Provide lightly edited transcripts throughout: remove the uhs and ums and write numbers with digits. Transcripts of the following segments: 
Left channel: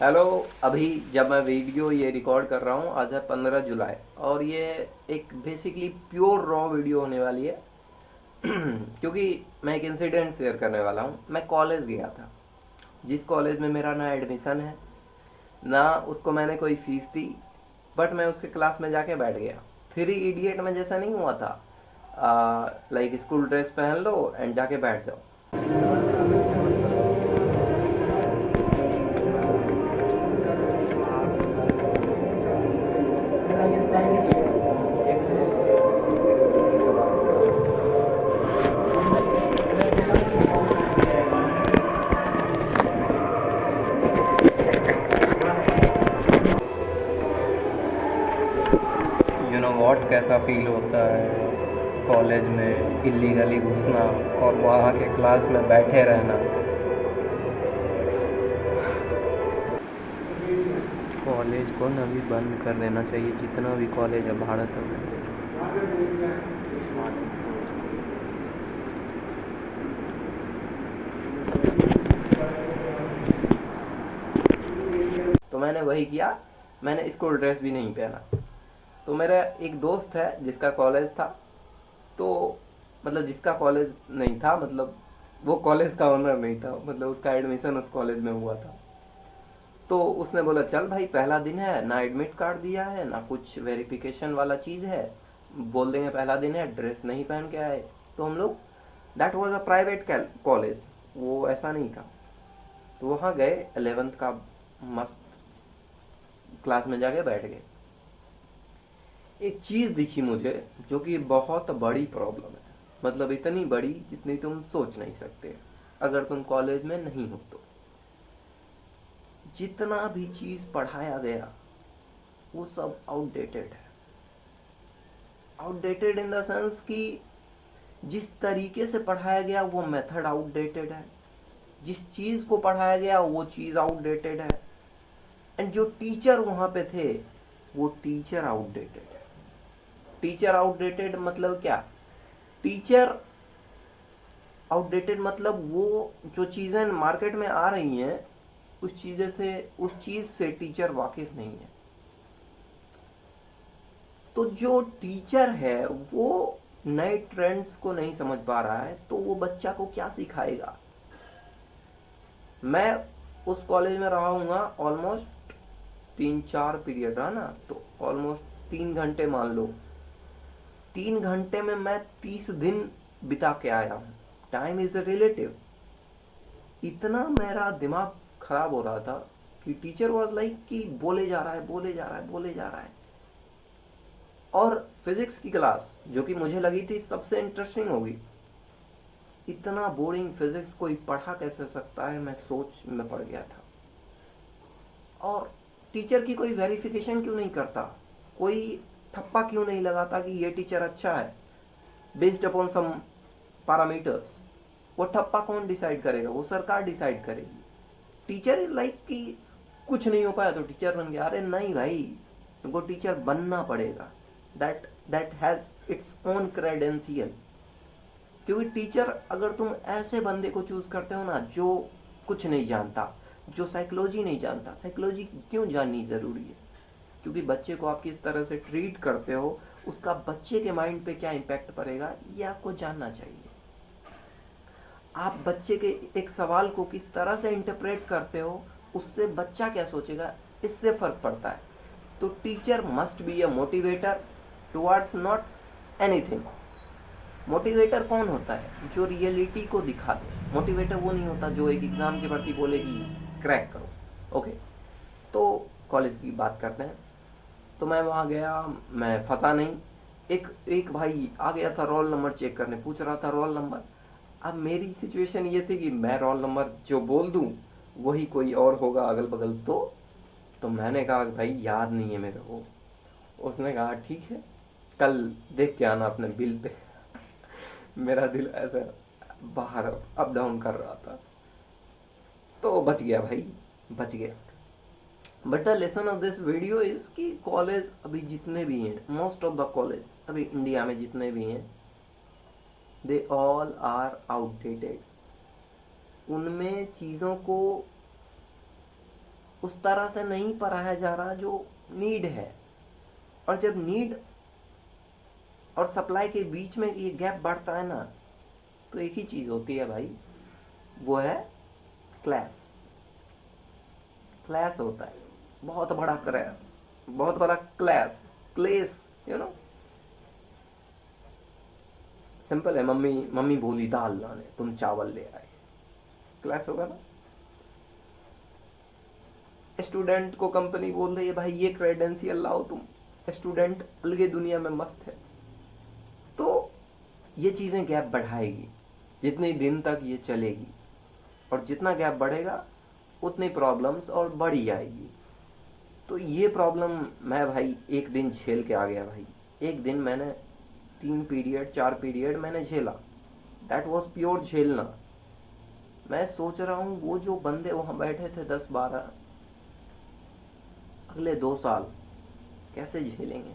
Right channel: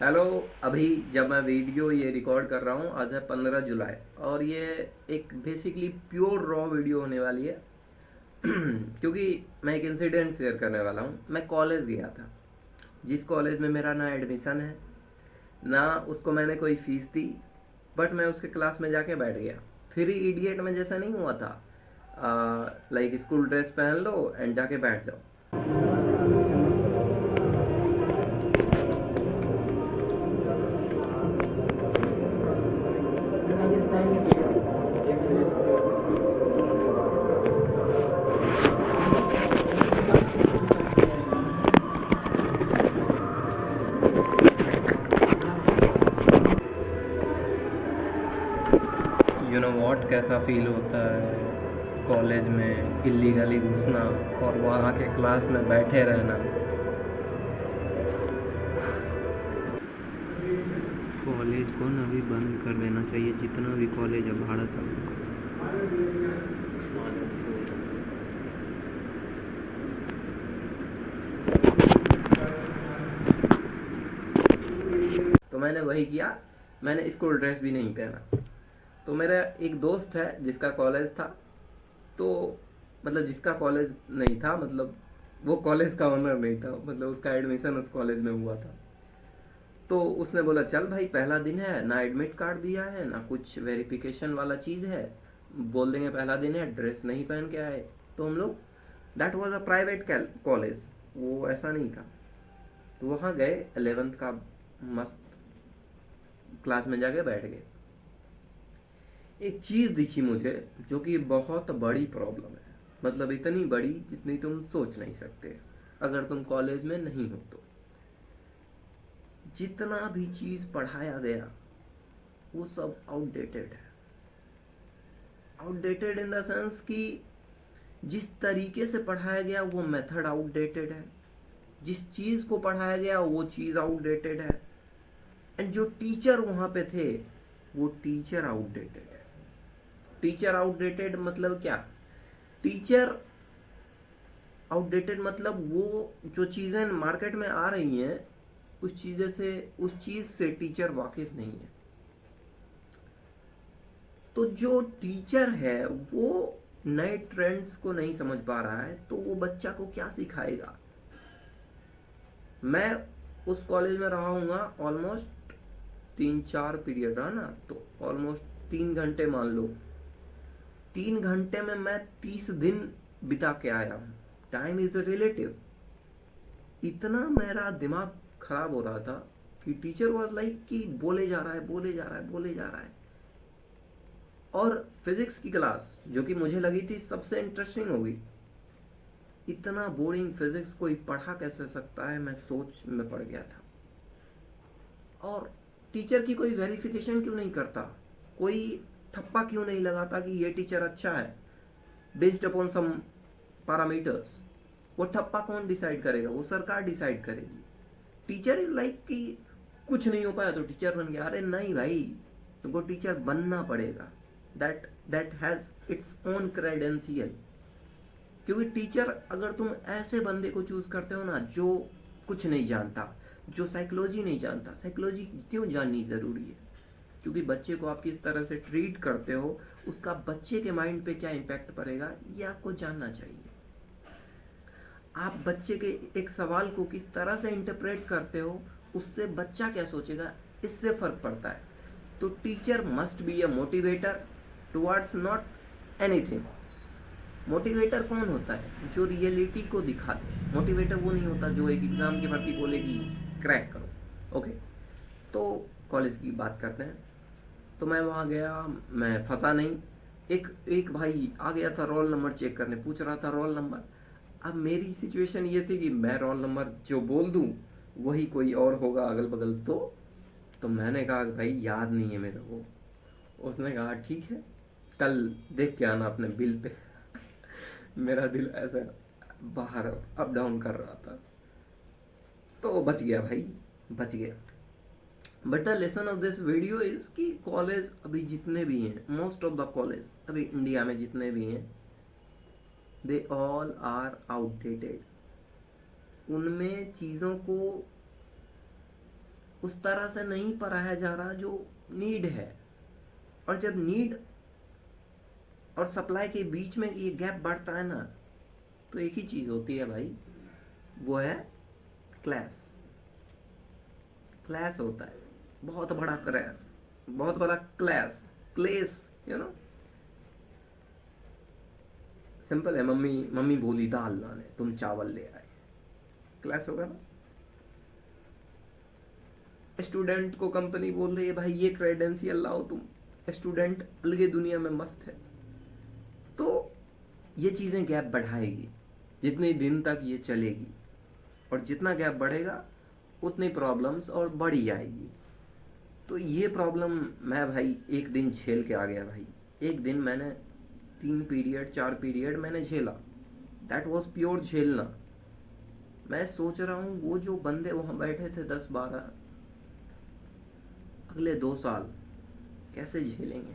Hello. अभी जब मैं वीडियो ये रिकॉर्ड कर रहा हूँ, आज है 15 जुलाई, और ये एक बेसिकली प्योर रॉ वीडियो होने वाली है। क्योंकि मैं एक इंसिडेंट शेयर करने वाला हूँ। मैं कॉलेज गया था, जिस कॉलेज में मेरा ना एडमिशन है, ना उसको मैंने कोई फीस दी, बट मैं उसके क्लास में जाके बैठ गया। थ्री इडियट में जैसा नहीं हुआ था, लाइक स्कूल ड्रेस पहन लो एंड जाके बैठ जाओ। यू नो वॉट, कैसा फील होता है कॉलेज में इलीगली घुसना और वहाँ के क्लास में बैठे रहना। कॉलेज को ना भी बंद कर देना चाहिए, जितना भी कॉलेज है भारत में। तो मैंने वही किया। मैंने स्कूल ड्रेस भी नहीं पहना। तो मेरा एक दोस्त है जिसका कॉलेज था, तो मतलब जिसका कॉलेज नहीं था, मतलब वो कॉलेज का ओनर नहीं था, मतलब उसका एडमिशन उस कॉलेज में हुआ था। तो उसने बोला चल भाई, पहला दिन है, ना एडमिट कार्ड दिया है ना कुछ वेरिफिकेशन वाला चीज़ है, बोल देंगे पहला दिन है, ड्रेस नहीं पहन के आए। तो हम लोग, that was a private college, वो ऐसा नहीं था। तो वहाँ गए, 11th का मस्त क्लास में जाके बैठ गए। एक चीज़ दिखी मुझे, जो कि बहुत बड़ी प्रॉब्लम है। मतलब इतनी बड़ी जितनी तुम सोच नहीं सकते, अगर तुम कॉलेज में नहीं हो तो। जितना भी चीज़ पढ़ाया गया वो सब आउटडेटेड है। आउटडेटेड इन द सेंस कि जिस तरीके से पढ़ाया गया वो मेथड आउटडेटेड है, जिस चीज़ को पढ़ाया गया वो चीज़ आउटडेटेड है, एंड जो टीचर वहाँ पे थे वो टीचर आउटडेटेड है। टीचर आउटडेटेड मतलब क्या? टीचर आउटडेटेड मतलब वो जो चीज़ें मार्केट में आ रही हैं, उस चीज़ से टीचर वाकिफ नहीं है। तो जो टीचर है वो नए ट्रेंड्स को नहीं समझ पा रहा है, तो वो बच्चा को क्या सिखाएगा? मैं उस कॉलेज में रहा हूँ ऑलमोस्ट 3-4 पीरियड रहा ना, तो ऑलमोस्ट 3 घंटे मान लो। 3 घंटे में मैं 30 दिन बिता के आया हूँ। Time is a relative. इतना मेरा दिमाग खराब हो रहा था कि टीचर वॉज लाइक कि बोले जा रहा है, बोले जा रहा है, बोले जा रहा है। और फिजिक्स की क्लास, जो कि मुझे लगी थी सबसे इंटरेस्टिंग होगी, इतना बोरिंग फिजिक्स कोई पढ़ा कैसे सकता है, मैं सोच में पड़ गया था। और टीचर की कोई वेरिफिकेशन क्यों नहीं करता? कोई ठप्पा क्यों नहीं लगाता कि ये टीचर अच्छा है बेस्ड अपॉन सम पैरामीटर्स? वो ठप्पा कौन डिसाइड करेगा? वो सरकार डिसाइड करेगी। टीचर इज लाइक कि कुछ नहीं हो पाया तो टीचर बन गया। अरे नहीं भाई, तुमको टीचर बनना पड़ेगा। That that has its own credential. क्योंकि टीचर, अगर तुम ऐसे बंदे को चूज करते हो ना जो कुछ नहीं जानता, जो साइकोलॉजी नहीं जानता, साइकोलॉजी क्यों जाननी ज़रूरी है? क्योंकि बच्चे को आप किस तरह से ट्रीट करते हो, उसका बच्चे के माइंड पे क्या इम्पैक्ट पड़ेगा, ये आपको जानना चाहिए। आप बच्चे के एक सवाल को किस तरह से इंटरप्रेट करते हो, उससे बच्चा क्या सोचेगा, इससे फर्क पड़ता है। तो teacher must be a motivator towards not anything. Motivator कौन होता है? जो रियलिटी को दिखा दे। मोटिवेटर वो नहीं होता जो एक एग्जाम के प्रति बोले कि क्रैक करो। ओके, तो कॉलेज की बात करते हैं। तो मैं वहाँ गया, मैं फंसा नहीं। एक एक भाई आ गया था रोल नंबर चेक करने, पूछ रहा था रोल नंबर। अब मेरी सिचुएशन ये थी कि मैं रोल नंबर जो बोल दूँ वही कोई और होगा अगल बगल। तो मैंने कहा कि भाई याद नहीं है मेरे को। उसने कहा ठीक है, कल देख के आना अपने बिल पे। मेरा दिल ऐसे बाहर अप डाउन कर रहा था। तो बच गया भाई, बच गया। But the lesson of this video is कि कॉलेज अभी जितने भी हैं, मोस्ट ऑफ द कॉलेज अभी इंडिया में जितने भी हैं, दे ऑल आर आउटडेटेड। उनमें चीज़ों को उस तरह से नहीं पढ़ाया जा रहा जो नीड है। और जब नीड और सप्लाई के बीच में ये गैप बढ़ता है ना, तो एक ही चीज़ होती है भाई, वो है क्लैश। क्लैश होता है, बहुत बड़ा क्रैश, बहुत बड़ा क्लैश, क्लेश, यू नो। सिंपल है, मम्मी मम्मी बोली दाल लाने, तुम चावल ले आए, क्लैश होगा ना। स्टूडेंट को कंपनी बोल रही है भाई ये क्रेडेंशियल लाओ तुम, स्टूडेंट अलगे दुनिया में मस्त है। तो ये चीज़ें गैप बढ़ाएगी जितने दिन तक ये चलेगी, और जितना गैप बढ़ेगा उतनी प्रॉब्लम्स और बढ़ी जाएगी। तो ये प्रॉब्लम मैं भाई एक दिन झेल के आ गया भाई। एक दिन मैंने 3 पीरियड 4 पीरियड मैंने झेला, दैट वॉज प्योर झेलना। मैं सोच रहा हूँ वो जो बंदे वहाँ बैठे थे 10-12, अगले 2 साल कैसे झेलेंगे,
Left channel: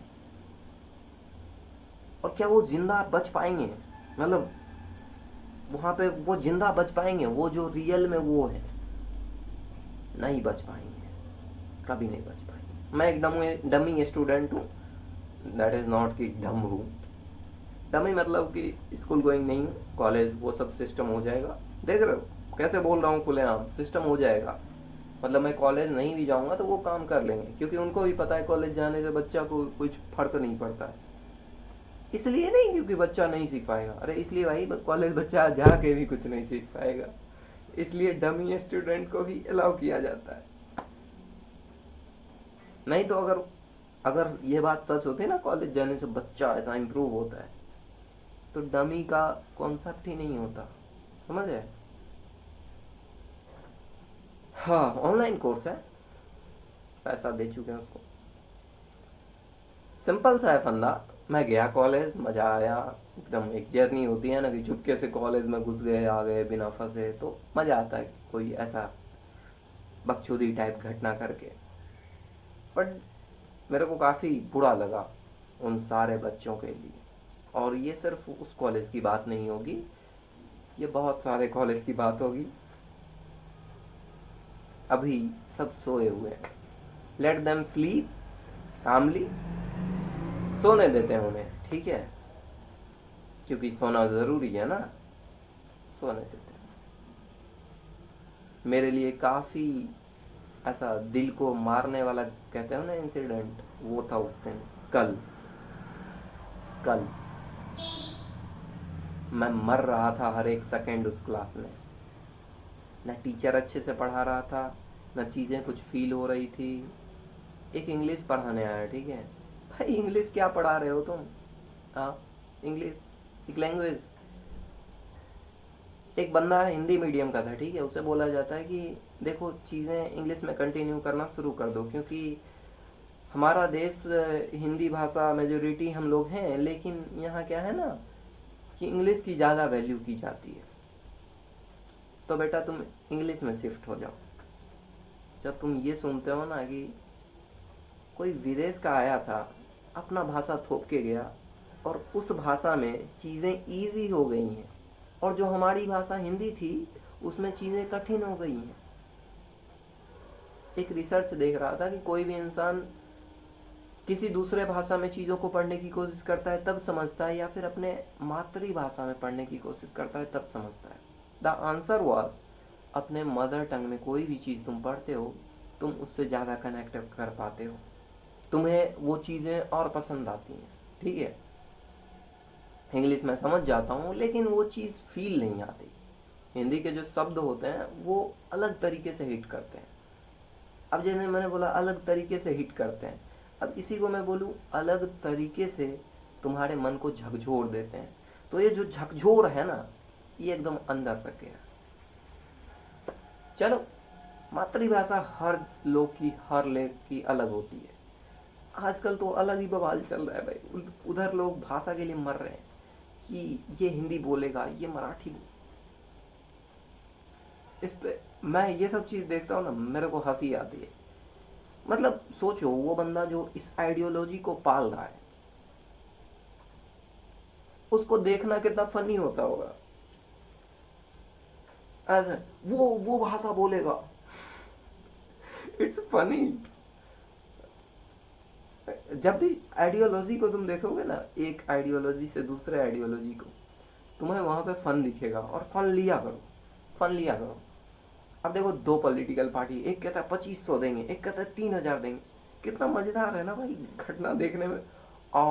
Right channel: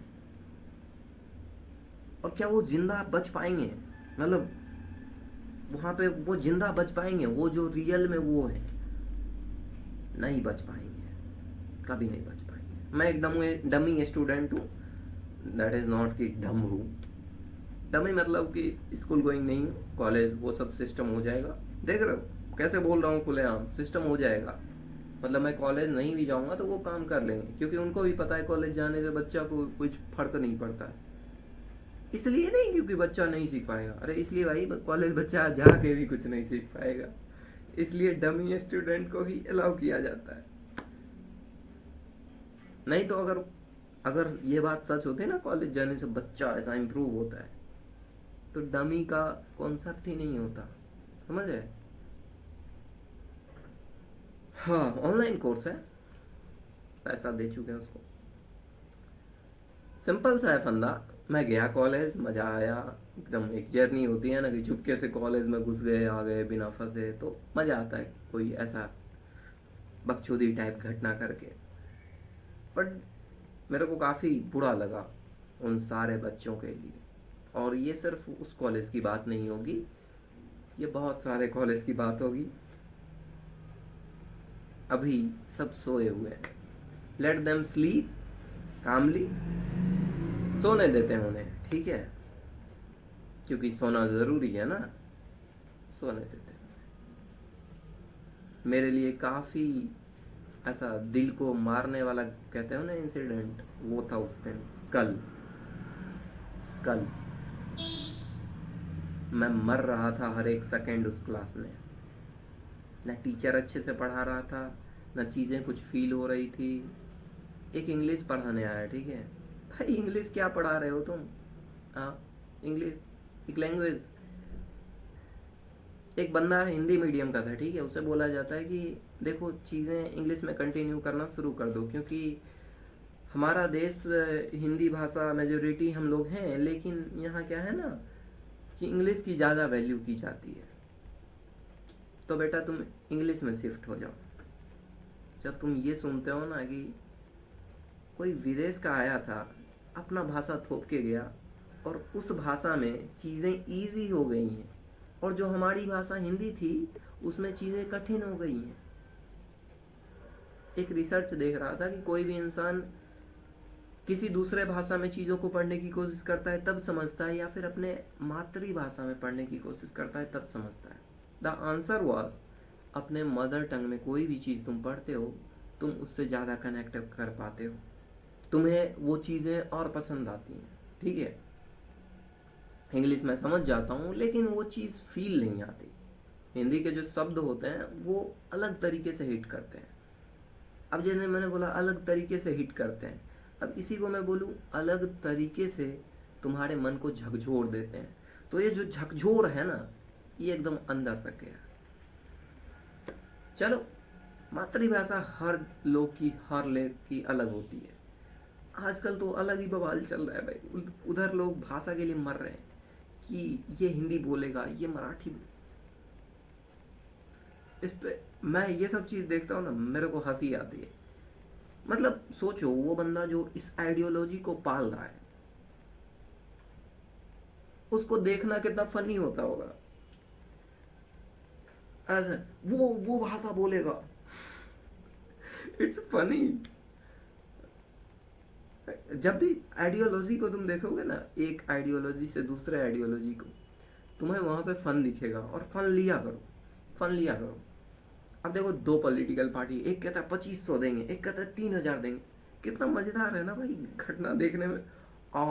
और क्या वो जिंदा बच पाएंगे, मतलब वहाँ पे वो जिंदा बच पाएंगे, वो जो रियल में वो है, नहीं बच पाएंगे, कभी नहीं बच पाएंगे। मैं एक डमी स्टूडेंट हूँ, दैट इज़ नॉट कि डम हूँ, डमी मतलब कि स्कूल गोइंग नहीं हूँ, कॉलेज वो सब सिस्टम हो जाएगा। देख रहे हो कैसे बोल रहा हूँ खुलेआम, सिस्टम हो जाएगा। मतलब मैं कॉलेज नहीं भी जाऊँगा तो वो काम कर लेंगे, क्योंकि उनको भी पता है कॉलेज जाने से बच्चा को कुछ फर्क नहीं पड़ता है। इसलिए नहीं क्योंकि बच्चा नहीं सीख पाएगा, अरे इसलिए भाई कॉलेज बच्चा जाके भी कुछ नहीं सीख पाएगा, इसलिए डमी स्टूडेंट को भी अलाउ किया जाता है। नहीं तो अगर अगर ये बात सच होती है ना, कॉलेज जाने से बच्चा ऐसा इम्प्रूव होता है, तो डमी का कॉन्सेप्ट ही नहीं होता, समझ है। हाँ, ऑनलाइन कोर्स है, पैसा दे चुके हैं उसको, सिंपल सा है फंदा। मैं गया कॉलेज, मज़ा आया एकदम। एक जर्नी होती है ना कि चुपके से कॉलेज में घुस गए, आ गए बिना फंसे, तो मज़ा आता है कोई ऐसा बकचोदी टाइप घटना करके। बट मेरे को काफ़ी बुरा लगा उन सारे बच्चों के लिए। और ये सिर्फ उस कॉलेज की बात नहीं होगी, ये बहुत सारे कॉलेज की बात होगी। अभी सब सोए हुए हैं, लेट देम स्लीप कामली, सोने देते हैं उन्हें, ठीक है, क्योंकि सोना ज़रूरी है ना, सोने देते हैं। मेरे लिए काफ़ी ऐसा दिल को मारने वाला कहते हो ना इंसिडेंट, वो था उस दिन। कल कल मैं मर रहा था हर एक सेकंड उस क्लास में, ना टीचर अच्छे से पढ़ा रहा था, ना चीज़ें कुछ फील हो रही थी। एक इंग्लिश पढ़ाने आया, ठीक है भाई, इंग्लिश क्या पढ़ा रहे हो तुम, हाँ इंग्लिश एक लैंग्वेज। एक बंदा हिंदी मीडियम का था, ठीक है, उसे बोला जाता है कि देखो चीज़ें इंग्लिश में कंटिन्यू करना शुरू कर दो, क्योंकि हमारा देश हिंदी भाषा मेजोरिटी हम लोग हैं, लेकिन यहाँ क्या है ना कि इंग्लिश की ज़्यादा वैल्यू की जाती है, तो बेटा तुम इंग्लिश में शिफ्ट हो जाओ। जब तुम ये सुनते हो ना कि कोई विदेश का आया था, अपना भाषा थोप के गया, और उस भाषा में चीज़ें ईजी हो गई हैं, और जो हमारी भाषा हिंदी थी उसमें चीज़ें कठिन हो गई हैं। एक रिसर्च देख रहा था कि कोई भी इंसान किसी दूसरे भाषा में चीज़ों को पढ़ने की कोशिश करता है तब समझता है, या फिर अपने मातृभाषा में पढ़ने की कोशिश करता है तब समझता है। द आंसर वॉज, अपने मदर टंग में कोई भी चीज़ तुम पढ़ते हो, तुम उससे ज़्यादा कनेक्ट कर पाते हो, तुम्हें वो चीज़ें और पसंद आती हैं, ठीक है। इंग्लिश में समझ जाता हूँ, लेकिन वो चीज़ फील नहीं आती। हिंदी के जो शब्द होते हैं वो अलग तरीके से हिट करते हैं। अब जैसे मैंने बोला अलग तरीके से हिट करते हैं, अब इसी को मैं बोलूँ अलग तरीके से तुम्हारे मन को झकझोर देते हैं। तो ये जो झकझोर है ना, ये एकदम अंदर तक गया। चलो, मातृभाषा हर लोग की, हर लेख की अलग होती है। आजकल तो अलग ही बवाल चल रहा है भाई, उधर लोग भाषा के लिए मर रहे हैं कि ये हिंदी बोलेगा, ये मराठी इस पे मैं ये सब चीज़ देखता हूँ ना, मेरे को हंसी आती है। मतलब सोचो, वो बंदा जो इस आइडियोलॉजी को पाल रहा है, उसको देखना कितना फनी होता होगा। ऐसे वो भाषा बोलेगा, इट्स फनी। जब भी आइडियोलॉजी को तुम देखोगे ना, एक आइडियोलॉजी से दूसरे आइडियोलॉजी को, तुम्हें वहां पे फन दिखेगा, और फन लिया करो, फन लिया करो। अब देखो, दो पॉलिटिकल पार्टी, एक कहता है 2500 देंगे, एक कहता है 3000 देंगे। कितना मजेदार है ना भाई घटना देखने में। आ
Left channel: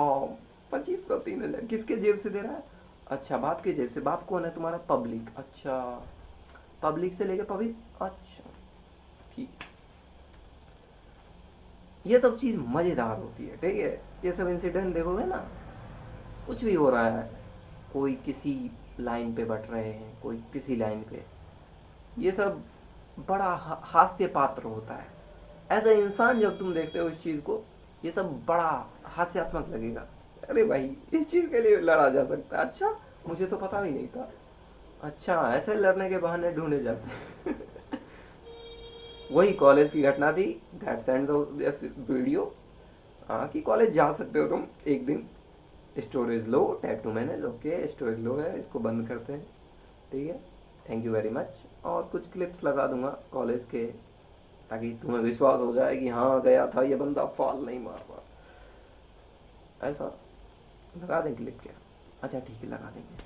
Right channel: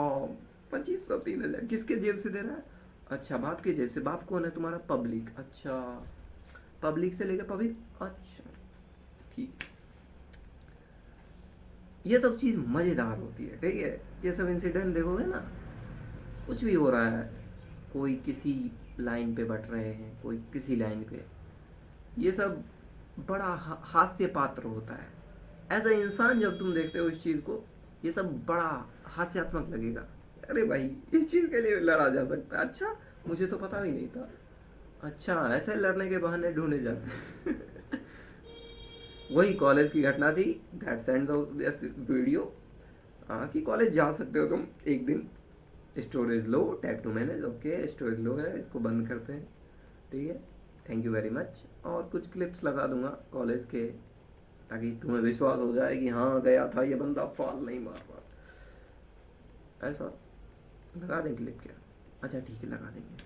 2500 3000 किसके जेब से दे रहा है? अच्छा, बाप के जेब से। बाप कौन है तुम्हारा? पब्लिक। अच्छा, पब्लिक से लेके पब्लिक। अच्छा, ठीक। ये सब चीज मजेदार होती है, ठीक है। ये सब इंसिडेंट देखोगे ना, कुछ भी हो रहा है, कोई किसी लाइन पे बट रहे हैं, कोई किसी लाइन पे, ये सब बड़ा हास्य पात्र होता है। एज अ इंसान जब तुम देखते हो इस चीज को, ये सब बड़ा हास्यात्मक लगेगा। अरे भाई, इस चीज के लिए लड़ा जा सकता है, अच्छा मुझे तो पता ही नहीं था। अच्छा, ऐसे लड़ने के बहाने ढूंढे जाते हैं। वही कॉलेज की घटना थी, दैट सेंड वीडियो। हाँ, कि कॉलेज जा सकते हो तुम एक दिन, storage low, tap to manage, okay storage low है, इसको बंद करते हैं, ठीक है, थैंक यू वेरी मच। और कुछ क्लिप्स लगा दूंगा कॉलेज के, ताकि तुम्हें विश्वास हो जाए कि हाँ गया था ये बंदा, फॉल नहीं मार पा। ऐसा लगा दें क्लिप क्या? अच्छा ठीक है, लगा देंगे।